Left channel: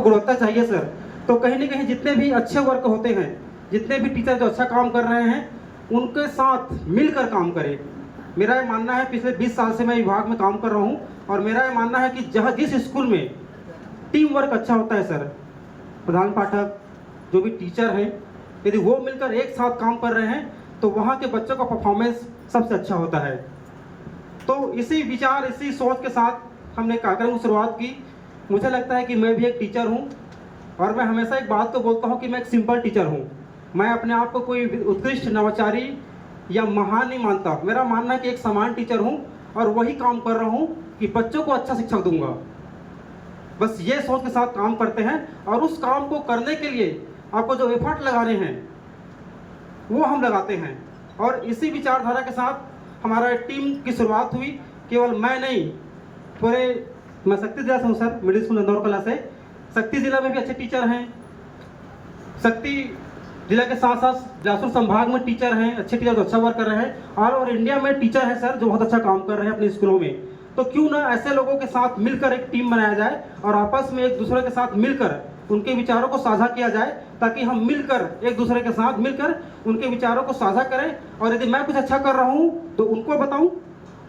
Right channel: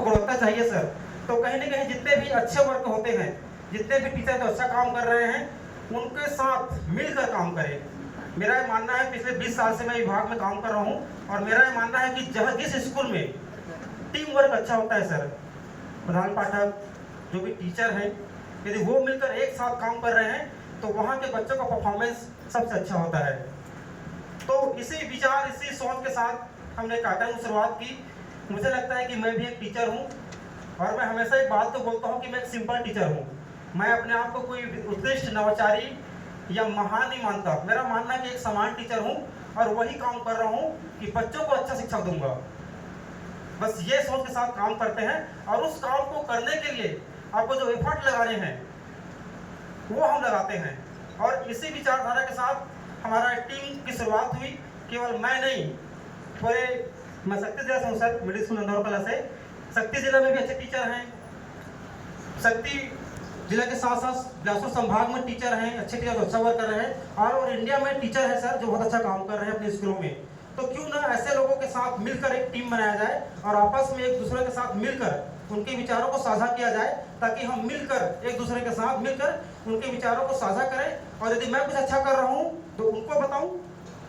गुणवत्ता चाहिए सर। तो कहीं ना कहीं जितने भी अच्छे वर्क होते हैं, जितने भी टीचर जो अच्छा काम कर रहे हैं, उनके साथ मिलकर काम करें। मेरा ये मानना है, पिछले 20 साल से मैं विभाग में काम कर रहा हूँ, और मेरा ये मानना है कि जहाँ जिस स्कूल में टीम वर्क अच्छा होता है सर, प्रधान पाठक जो भी टीचर हैं, यदि वो मिलकर एक साथ काम कर रहे हैं तो वहाँ के बच्चों का परफॉर्मेंस सबसे अच्छा होता है। तो इसी विचार, इसी सोच के साथ हमने कार्यक्रम की शुरुआत की। मुझे लगता है कि मैं भी एक टीचर हूँ, और मैं हमेशा एक बात को बोलता हूँ कि मैं एक सिंपल टीचर हूँ। मैं अपने आप को कोई उत्कृष्ट, नवाचारी या महान नहीं मानता। मेरा मानना है कि एक समान टीचर हूँ, और वही काम कर रहा हूँ कि बच्चों को अच्छा शिक्षा दूंगा। बस ये सोच के साथ काम करते हैं, और उस काम को करने के लिए आपको जो एफर्ट लगाने हैं वो हम लगाते हैं। और इसी विचारधारा के साथ हमारा टीम की शुरुआत हुई। केवल मैं नहीं, पूरे, मैं शक्ति जिला से हूँ सर, मिडिल स्कूल इंदौर कला से। शक्ति जिला में भी अच्छे टीचर हैं, शक्ति जिला के साथ साथ जासुर संभाग में टीचर हैं, अच्छे टीचर जो अच्छा वर्क कर रहे हैं, और इंडिया में टीचर है सर जो बहुत अच्छा काम कर रहे हैं अपने स्कूलों में। तो क्यों ना ऐसे लोगों के साथ मिलकर एक टीम बनाया जाए, और आपस में एक दूसरे के साथ मिलकर उनके विचारों को साझा किया जाए, ताकि हम मिलकर, एक दूसरे के साथ मिलकर उनके विचारों को साझा करें। और यदि मैं कुछ अच्छा कर रहा हूँ तो उनको बताऊं,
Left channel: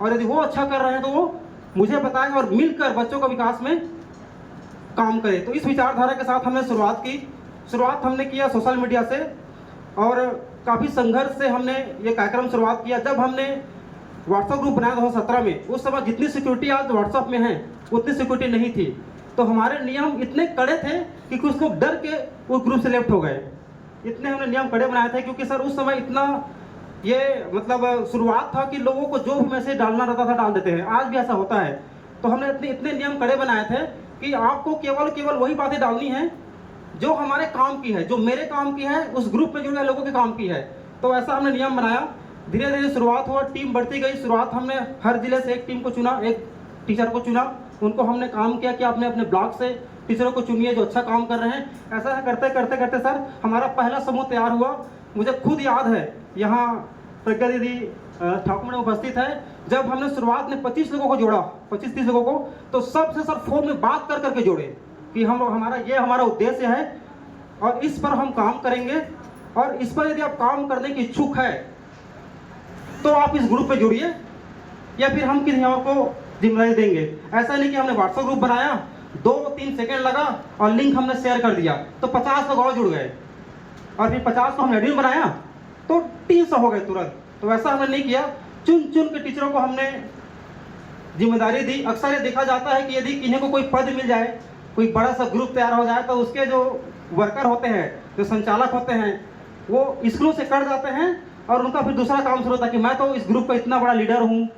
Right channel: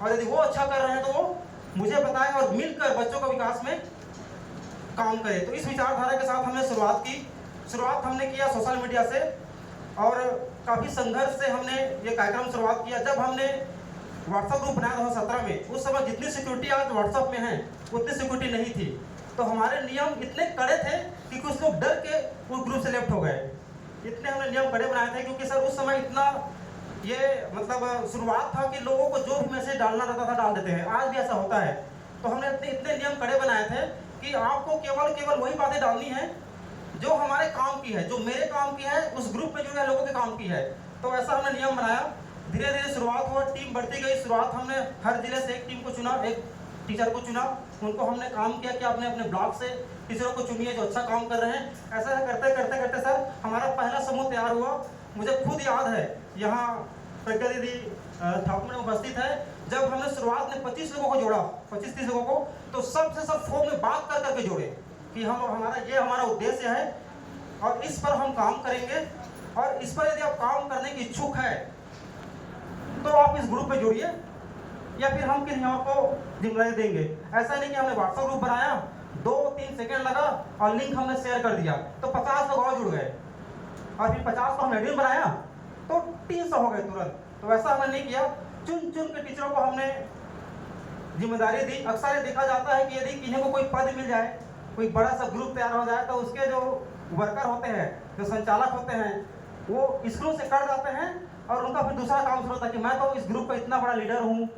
और यदि वो अच्छा कर रहे हैं तो वो मुझे बताएं, और मिलकर बच्चों का विकास में काम करें। तो इस विचारधारा के साथ हमने शुरुआत की। शुरुआत हमने किया सोशल मीडिया से, और काफ़ी संघर्ष से हमने ये कार्यक्रम शुरुआत किया। जब हमने व्हाट्सएप ग्रुप बनाया 2017 में, उस समय जितनी सिक्योरिटी आज व्हाट्सएप में है उतनी सिक्योरिटी नहीं थी। तो हमारे नियम इतने कड़े थे कि कुछ लोग डर के उस ग्रुप से लेफ्ट हो गए। इतने हमने नियम कड़े बनाए थे, क्योंकि सर उस समय इतना ये मतलब शुरुआत था कि लोगों को जो भी मैसेज डालना रहता था डाल देते हैं। आज भी ऐसा होता है। तो हमने इतने नियम कड़े बनाए थे कि आपको केवल वही बातें डालनी है जो हमारे काम की है, जो मेरे काम की है, उस ग्रुप में जुड़े लोगों के काम की है। तो ऐसा हमने नियम बनाया। धीरे धीरे शुरुआत हुआ, टीम बढ़ती गई। शुरुआत हमने हर जिले से एक टीम को चुना, एक टीचर को चुना, उनको हमने काम किया कि आपने अपने ब्लॉक से टीचरों को चुनिए जो अच्छा काम कर रहे हैं। ऐसा करते करते करते सर हमारा पहला समूह तैयार हुआ। मुझे खुद याद है, यहाँ प्रज्ञा दीदी ठाकुर में उपस्थित है, जब हमने शुरुआत में 25 लोगों को जोड़ा, 25-30 लोगों को, तो सबसे सर फोन में बात कर करके जोड़े कि हमारा उद्देश्य है और इस पर हम काम करेंगे, और इस पर यदि आप काम करने की इच्छुक है तो आप इस ग्रुप में जुड़िए, या फिर हम किसी और को जिम्मेदारी देंगे। ऐसा नहीं कि हमने व्हाट्सएप ग्रुप बनाया, 2-3 सेकंड लगा और लिंक हमने शेयर कर दिया तो 50 लोग और जुड़ गए, और फिर 50 को हमने एडमिन बनाया तो 300 हो गए तुरंत। तो ऐसा हमने नहीं किया। चुन चुन के टीचरों को हमने जिम्मेदारी दी। अक्सर ये देखा जाता है कि यदि किन्हीं को कोई पद मिल जाए, कोई बड़ा सा ग्रुप तैयार हो जाए, तो उसके जो वर्कर होते हैं, जो संचालक होते हैं, वो स्कूलों से कट जाते हैं, और उनका फिर दूसरा काम शुरू होता है कि मैं तो इस ग्रुप का इतना बड़ा लीडर हूँ,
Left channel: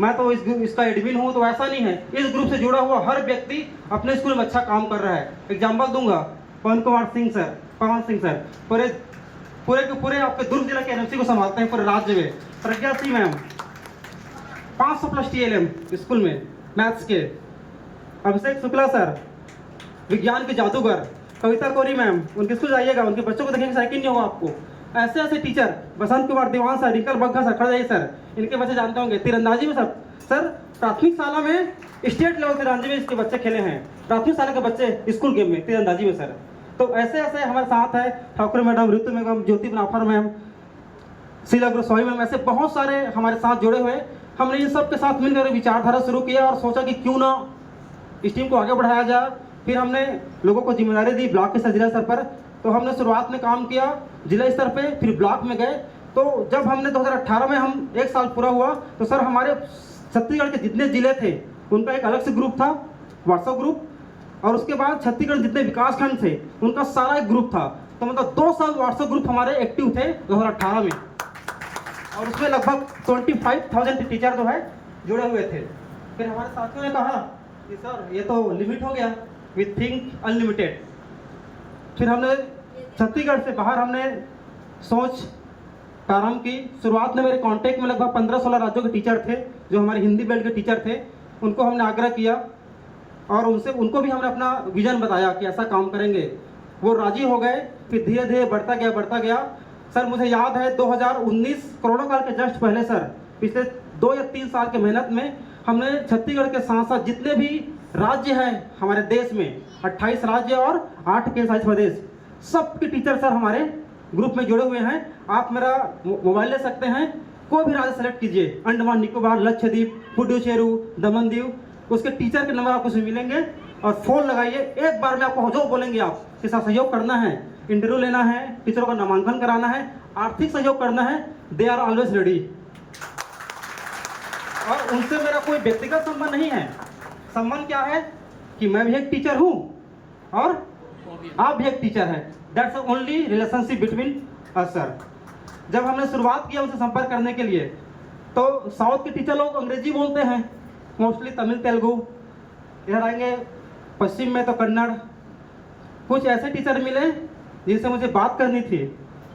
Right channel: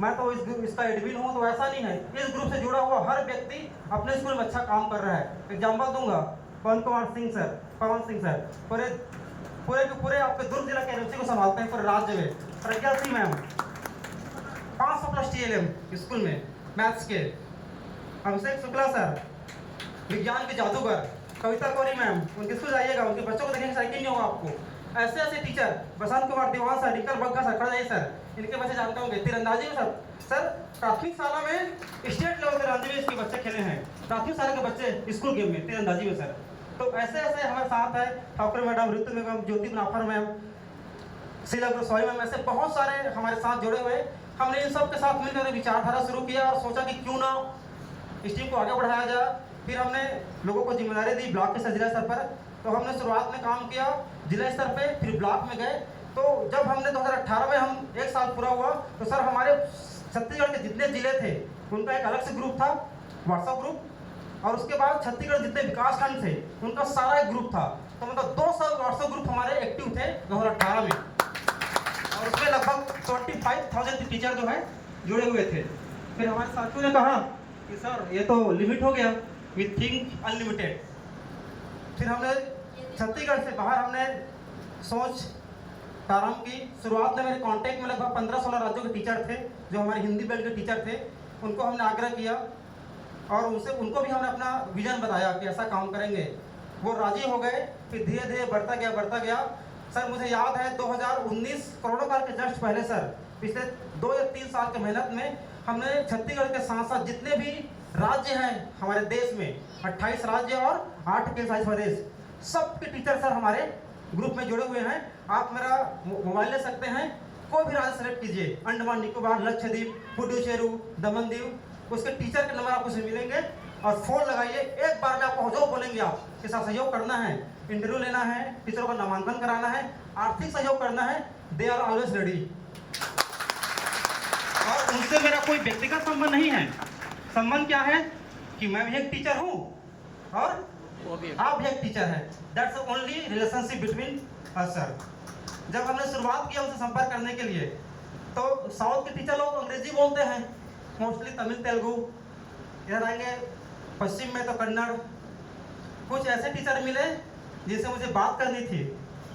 मैं तो इसका एडमिन हूँ। तो ऐसा नहीं है। इस ग्रुप से जुड़ा हुआ हर व्यक्ति अपने स्कूल में अच्छा काम कर रहा है। एग्जाम्पल दूंगा, पवन सिंह सर पूरे के पूरे आपके दुर्ग जिला के एनएमसी को संभालते हैं पूरे राज्य में। Pragya Singh ma'am 500+ TLM school में मैथ्स के। अभिषेक शुक्ला सर विज्ञान के जादूगर। कविता कोरी मैम, उनके स्कूल जाइएगा, उनके बच्चों को देखेंगे साइकिल नहीं होगा आपको। ऐसे ऐसे टीचर, बसंत कुमार देवान सर, रिंकल बग्गा सर, खड़े सर, इनके बच्चे जानते होंगे। तीरंदाजी में सर प्राथमिक शाला में स्टेट लेवल तीरंदाजी में इसके बच्चे खेले हैं। प्राथमिक शाला के बच्चे स्कूल गेम में तीरंदाजी में सर। तो ऐसे ऐसे हमारे साथ है ठाकुर मैडम, ऋतु मैडम, ज्योति बनाफर मैम, शीला गोस्वामी मैम, ऐसे बहुत सारे हमारे साथ जुड़े हुए। हमने इन सब के साथ मिलकर विचारधारा शुरू किया और सोचा कि क्यों ना इस टीम को आगे बढ़ाया जाए। फिर हमने लोगों को जिम्मेदारी दी ब्लॉक के स्तर, जिला स्तर पर। तो हमने शुरुआत में काम किया जिला स्तर पे, फिर ब्लॉक में गए। तो जब हमने 2018 में हम 1 साल पूरा हुआ, तो सर हमारे छत्तीसगढ़ के जितने जिले थे उनका एक अलग से ग्रुप था, व्हाट्सएप ग्रुप, और उसके बाद छत्तीसगढ़ जितने विकास खंड थे उनका सारा एक ग्रुप था। तो मतलब 2 साल व्हाट्सएप ग्रुप हमारे एक्टिव थे 2018 में, और उसमें लगभग 25,000 टीचर जो है जुड़े हुए थे। फिर हमारे साथियों ने कहा कि सर ये तो लिमिट हो गया, वी थिंक अनलिमिटेड। फिर हमने छत्तीसगढ़ से बाहर हमने सोच प्रारंभ की। शुरुआत में मेरे कांटेक्ट में लगभग 15-16 राज्यों के टीचर थे जो हमारे हिंदी बेल्ट के टीचर थे। उनको हमने आग्रह किया और उनको भी हमने अपना विजन बताया कि ऐसा काम करेंगे। वो राजी हो गए। फिर धीरे धीरे बढ़ता गया। सर मुझे याद है 2019 कोरोना काल के जस्ट पहले सर, पिछले 2 या 3 साल के मेहनत में हमने छत्तीसगढ़ के साथ साथ जितने भी राज्य है हमारे देश में, 28 राज्य और 8 केंद्र शासित प्रदेश, सबके टीचर सर हमारे ग्रुप में जुड़े हुए हैं। आप मेरा मोबाइल ले सकते हैं, कोई भी राज्य सेलेक्ट कीजिए, अंडमान निकोबार, लक्षद्वीप, पुडुचेरी, दमन दीव, उसके टीचर के नंबर आपको उसमें मिलेंगे और फोन लगाइए। एक बार में आपको जो बोलेंगे आप के साथ सहयोग करना है, इंटरव्यू लेना है, टीचरों का नामांकन कराना है, आर्थिक सहयोग करना है, दे आर ऑलवेज रेडी। और उनसे मेरा कोई व्यक्तिगत संबंध नहीं है। संबंध क्या है कि मैं भी एक टीचर हूँ और आप भी एक टीचर हैं। That's only relationship between us sir. जब हमने शुरुआत किया उनसे संपर्क करने के लिए, तो साउथ के टीचर लोग अंग्रेजी बोलते हैं, मोस्टली तमिल तेलुगु, इधर आएंगे पश्चिम में तो कन्नड़। कुछ ऐसे टीचर मिले जिनसे मुझे बात करनी थी,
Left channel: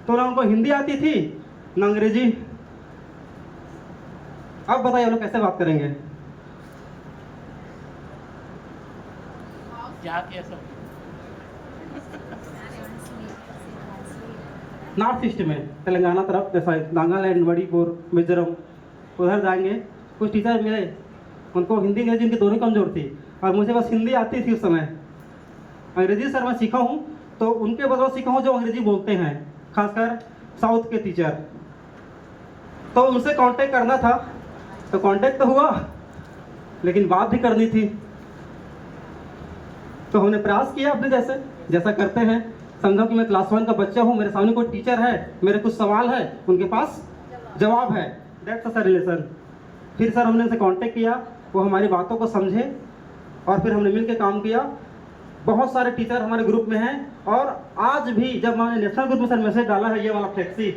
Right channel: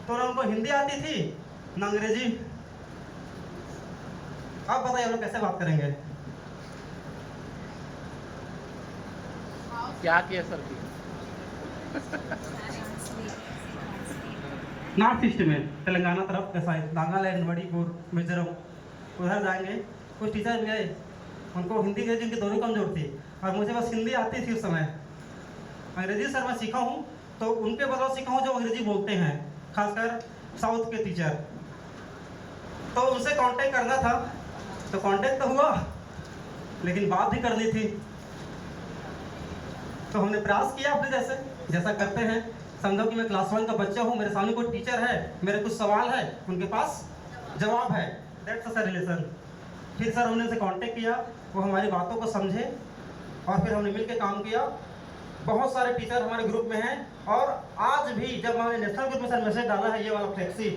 तो ना उनको हिंदी आती थी ना अंग्रेजी। अब बताइए लोग कैसे बात करेंगे? क्या किया सर? नॉर्थ ईस्ट में तेलंगाना तरफ, जैसा नागालैंड, मणिपुर, मिजोरम, उधर जाएंगे। कुछ टीचर मिले, उनको हिंदी अंग्रेजी उनकी दोनों कमजोर थी और मुझे बस हिंदी आती थी उस समय। अंग्रेजी सर मैं सीखा हूँ, तो उनके बदौलत सीखा हूँ जो अंग्रेजी बोलते हैं, खासकर साउथ के टीचर। तो उनसे कांटेक्ट करना था, तो कांटेक्ट तो हुआ, लेकिन बात भी करनी थी। तो हमने प्रयास किया अपने जैसा करते हैं। समझो कि मैं क्लास 1 का बच्चा हूँ, मेरे सामने कोई टीचर है, मेरे कुछ सवाल है, उनके पास जवाब है। That's sir relation. फिर सर हमने उनसे कांटेक्ट किया, वो हमारी बातों को समझे और फिर हमने मिलकर काम किया। बहुत सारे टीचर हमारे ग्रुप में हैं और आज भी जब मैंने नेशनल ग्रुप में सर मैसेज डाला है ये वाला फ्लेक्सी,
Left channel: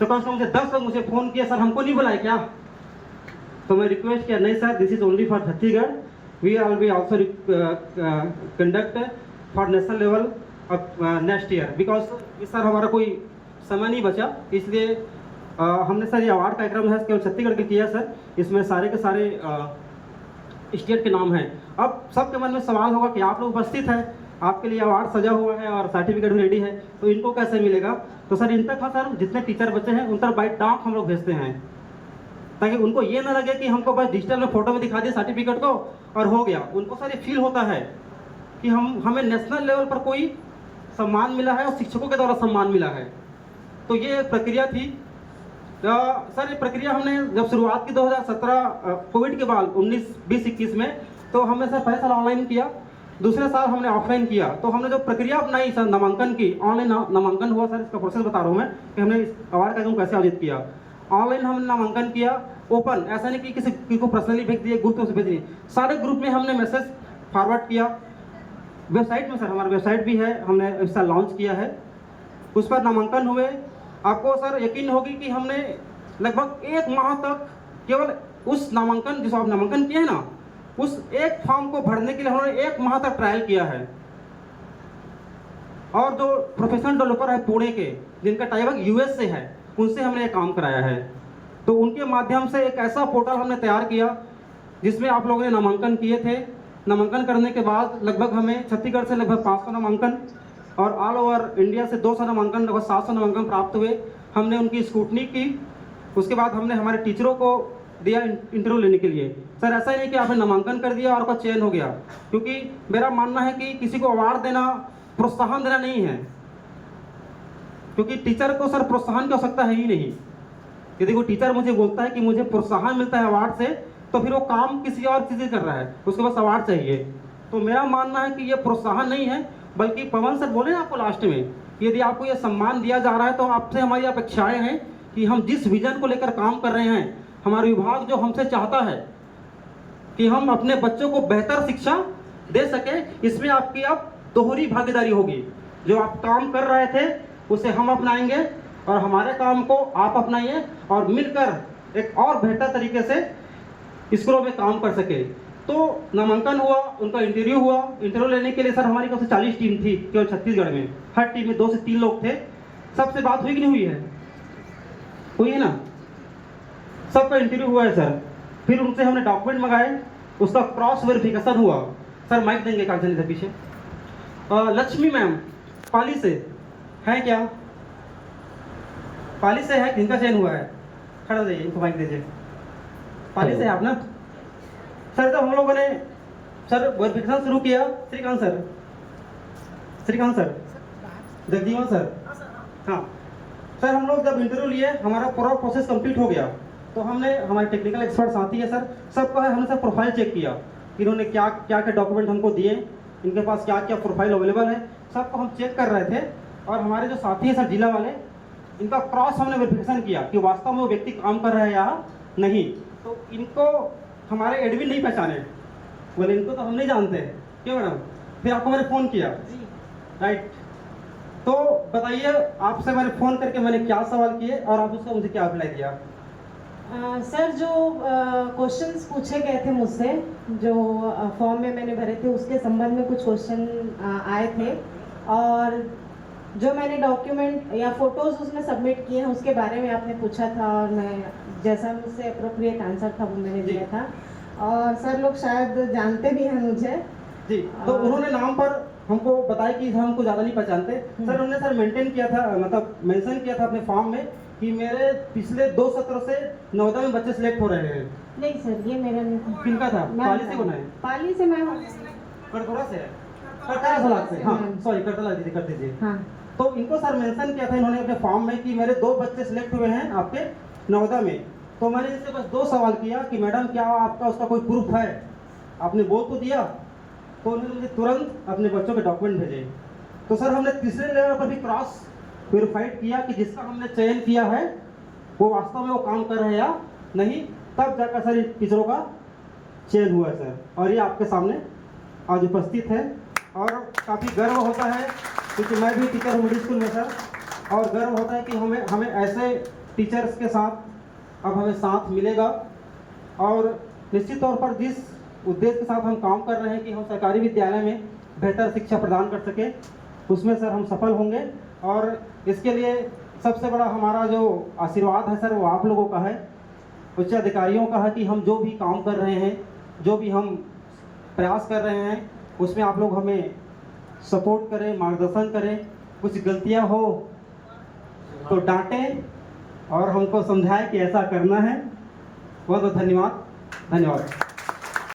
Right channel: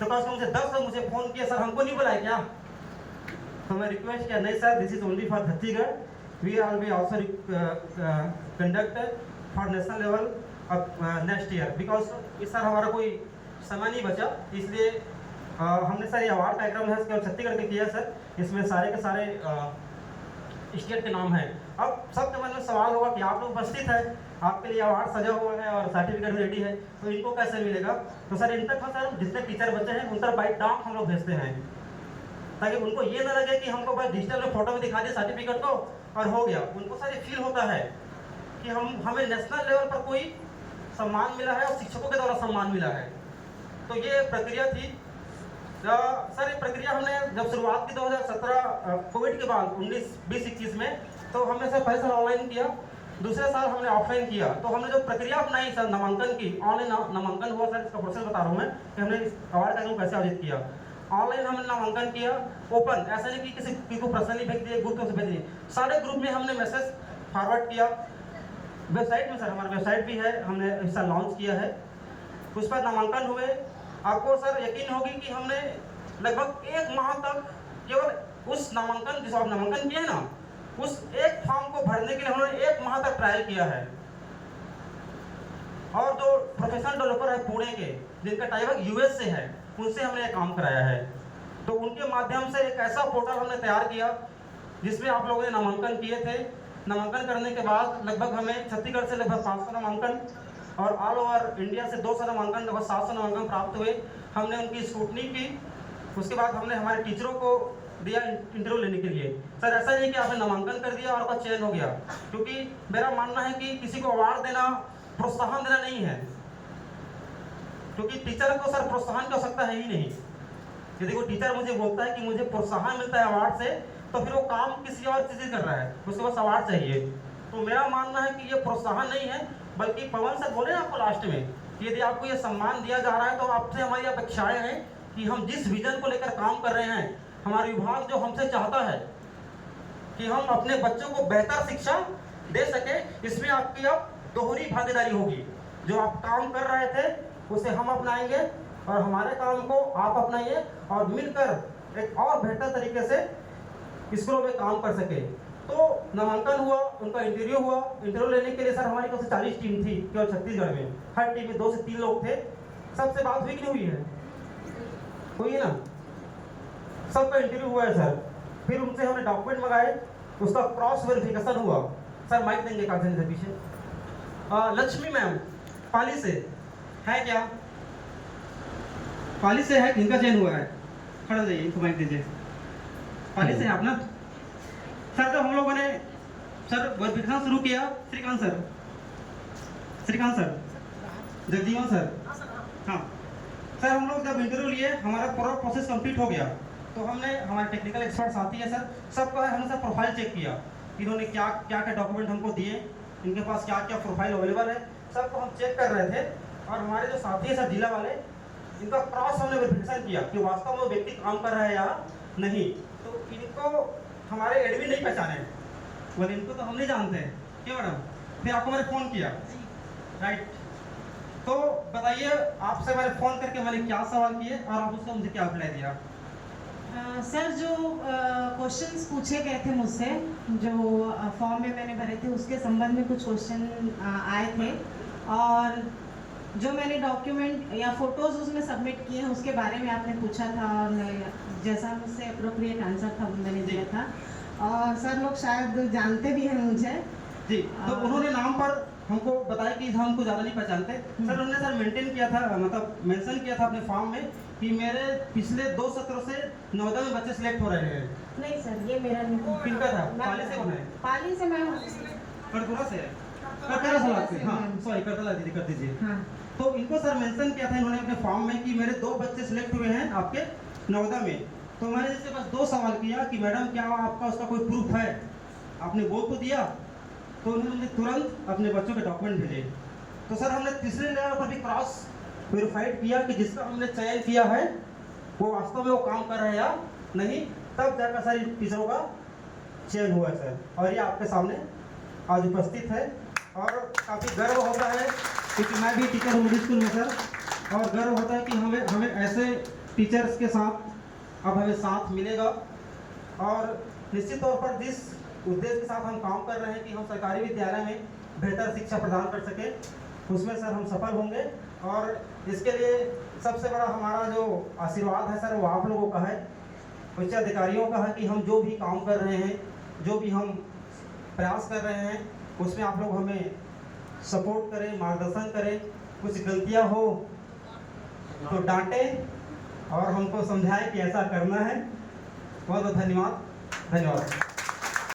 तो कम से कम मुझे 10 लोग मुझे फ़ोन किया, सर हमको नहीं बुलाए क्या? तो मैं रिक्वेस्ट किया, नहीं sir, this is only for Chhattisgarh, we are be also conduct for national level next year, because इस सर हमारा कोई समय नहीं बचा, इसलिए हमने सर ये अवार्ड कार्यक्रम है केवल छत्तीसगढ़ के किया सर। इसमें सारे के सारे स्टेट के नाम हैं। अब सबके मन में सवाल होगा कि आप लोग उपस्थित हैं, आपके लिए अवार्ड सजा हुआ है और सर्टिफिकेट भी रेडी है, तो इनको कैसे मिलेगा? तो सर इन तक सर जितने टीचर बच्चे हैं उन तक बाई डाक हम लोग भेजते हैं, ताकि उनको ये ना लगे कि हमको बस डिजिटल में फोटो में दिखा दिया सर्टिफिकेट को और हो गया। उनको सर ये फील होता है कि हमें नेशनल लेवल पर कोई सम्मान मिला है और शिक्षकों के द्वारा सम्मान मिला है। तो ये प्रक्रिया थी। सर ये प्रक्रिया हमने जब शुरुआत की 2017 कोविड के बाद 19-20-21 में, तो हमने सर पहले साल ऑनलाइन किया, दूसरे साल हमने ऑफलाइन किया। तो हमने जो प्रक्रिया अपनाई सर नामांकन की, ऑनलाइन नामांकन हुआ सर, इसका प्रोसेस बता रहा हूँ मैं कि हमने इस अवार्ड कार्यक्रम कैसे आयोजित किया। ऑनलाइन हमने नामांकन किया, ओपन, ऐसा नहीं कि किसी को पर्सनली भेज दिए, ग्रुप से भेज दिए, सारे ग्रुप में हमने मैसेज फॉरवर्ड किया। वेबसाइट में सर हमारा वेबसाइट भी है, हमने इस साल लॉन्च किया है, उस पर नामांकन हुए। आपको सर यकीन होगी कि हमने लगभग 1 माह तक केवल उस नामांकन, जिस आप नामांकन किए ना, उस एक फॉर्म को भरने के लिए हमने 1 माह तक ट्रायल किया है। और जो प्रोफेशनल डेवलपर है पुणे के, जिनका टाइप यूएस से है, उनसे हमने ये काम कराया है। तो उनके माध्यम से एक ऐसा पोर्टल हमने तैयार किया जिसमें आप लोगों ने नामांकन किए थे। नामांकन करने के बाद लगभग हमें छत्तीसगढ़ से लगभग 500 नामांकन और ऑल ओवर इंडिया से 200 नामांकन, लगभग 700 नामांकन प्राप्त हुए। हमने उनकी स्क्रूटनी की, उसके बाद हमने हमारे टीचरों को दिया इंटरव्यू लेने के लिए। सर ऐसा नहीं कि आपने नामांकन कर दिया और आपका चयन हो गया, क्योंकि मेरा मानना है कि किसी को अवार्ड देना, प्रोत्साहन देना नहीं है, क्योंकि टीचर को सर प्रोत्साहन की आवश्यकता है ही नहीं। यदि कोई टीचर मुझे बोलता है कि मुझे प्रोत्साहन मिलता है अवार्ड से, तो फिर वो काम किसी और चीज़ से कर रहा है, उसके पास अवार्ड चाहिए। तो मेरा मानना है कि ये प्रोत्साहन नहीं है, बल्कि पवन सर बोले ना आपको लास्ट में, यदि आपको ये सम्मान दिया जा रहा है तो आपसे हमारी अपेक्षाएं हैं कि हम जिस विजन को लेकर काम कर रहे हैं, हमारा विभाग जो हमसे चाहता है कि हम अपने बच्चों को बेहतर शिक्षा दे सके, इसमें आपकी अब दोहरी भागीदारी होगी। जो आप काम कर रहे थे उसे हम अपनाएंगे और हमारे काम को आप अपनाइए और मिलकर एक और बेहतर तरीके से स्कूलों में काम कर सके। तो नामांकन हुआ, उनका इंटरव्यू हुआ। इंटरव्यू लेने के लिए सर हमारी कम से 40 टीम थी केवल छत्तीसगढ़ में। हर टीम में 2 से 3 लोग थे। सबसे बात हुई कि नहीं हुई है? हुई है ना? सबका इंटरव्यू हुआ है सर। फिर उनसे हमने डॉक्यूमेंट मंगाए, उसका क्रॉस वेरिफिकेशन हुआ। सर माइक देंगे कागजानी से पीछे। लक्ष्मी मैम पाली से है क्या? पाली से है, इनका चयन हुआ है। खड़ा हो जाइए, इनको माइक दीजिए। पाली से है आप ना? सर जब हम लोगों ने सर वेरिफिकेशन शुरू किया। श्रीकांत सर, जगजीवन सर, हाँ सर, हम लोग जब इंटरव्यू लिए हमारा पूरा प्रोसेस कंप्लीट हो गया, तो हमने हमारे टेक्निकल एक्सपर्ट साथी है सर, सबका हमने सर प्रोफाइल चेक किया कि इन्होंने क्या क्या डॉक्यूमेंट हमको दिए, इनके पास क्या क्या प्रोफाइल अवेलेबल है, सबको हम चेक कर रहे थे। और हमारे जो साथी है सर जिला वाले, इनका क्रॉस हमने वेरिफिकेशन किया कि वास्तव में वो व्यक्ति काम कर रहा है या नहीं। तो इनको हमारे एडमिन नहीं पहचाने, बोले इनको तो हम नहीं जानते हैं क्या मैडम। फिर आपको मैंने फ़ोन किया, राइट, तो बताइए आपसे मैंने फ़ोन करके मैंने क्या सवाल किए और आप उसका मुझे क्या अप्लाई किया। सर जो क्वेश्चंस पूछे गए थे मुझसे, जो फॉर्म में मैंने भरे थे उसके संबंध में कुछ क्वेश्चन आए थे, और जो मैंने डॉक्यूमेंट या फोटोज़ उसमें सबमिट किए हैं उसके बारे में आपने पूछा था, और मैं जैसा मुझसे अप्रोप्रिएट आंसर था वो मैंने दिया था। और सर लोग शायद जानते भी हैं मुझे जी, तो उन्होंने नाम पर हमको बताया कि हमको ज़्यादा नहीं पहचानते सर। उन्होंने सर मेंटेन किया था, मतलब मेंशन किया था अपने फॉर्म में कि मेरे पिछले 2 सत्रों से नवोदय में बच्चे सिलेक्ट हो रहे हैं। नहीं सर, ये मेरा नहीं। किनका था? पाली से कौन है? पाली से मैं हूँ। करतोरा से है, करतोरा सलाख से, हाँ सॉरी, करतोरा दीजिए, कर दीजिए। हाँ, तो इनको सर मेंशन किया था इन्होंने अपने फॉर्म में कि मेरे 2 बच्चे सिलेक्ट हुए हैं आपके नवोदय में। तो मैंने इससे बस 2 सवाल किया कि मैडम क्या आपका उसका कोई प्रूफ है, आपने बोल तो दिया। तो उन्होंने मुझे तुरंत अपने बच्चों के डॉक्यूमेंट भेजे। तो सर हमने तीसरे लेवल पर भी क्रॉस वेरीफाइड किया कि जिसका हमने चयन किया है वो वास्तव में वो काम कर रहा है या नहीं, तब जाकर सर टीचरों का चयन हुआ है सर। और ये आपके सामने आज उपस्थित है, और काफ़ी गर्व होता है क्योंकि मैं भी टीचर हूँ मिडिल स्कूल में सर, और गर्व होता है कि हमें ऐसे टीचर्स के साथ अब हमें साथ मिलेगा। और निश्चित तौर पर जिस उद्देश्य के साथ हम काम कर रहे हैं कि हम सरकारी विद्यालय में बेहतर शिक्षा प्रदान कर सके, उसमें सर हम सफल होंगे। और इसके लिए सबसे बड़ा हमारा जो आशीर्वाद है सर वो आप लोगों का है, उच्च अधिकारियों का है कि हम जो भी काम कर रहे हैं, जो भी हम प्रयास कर रहे हैं, उसमें आप लोग हमें सपोर्ट करें, मार्गदर्शन करें। कुछ गलतियां हो तो डांटें और हमको समझाएं कि ऐसा करना है। बहुत बहुत धन्यवाद।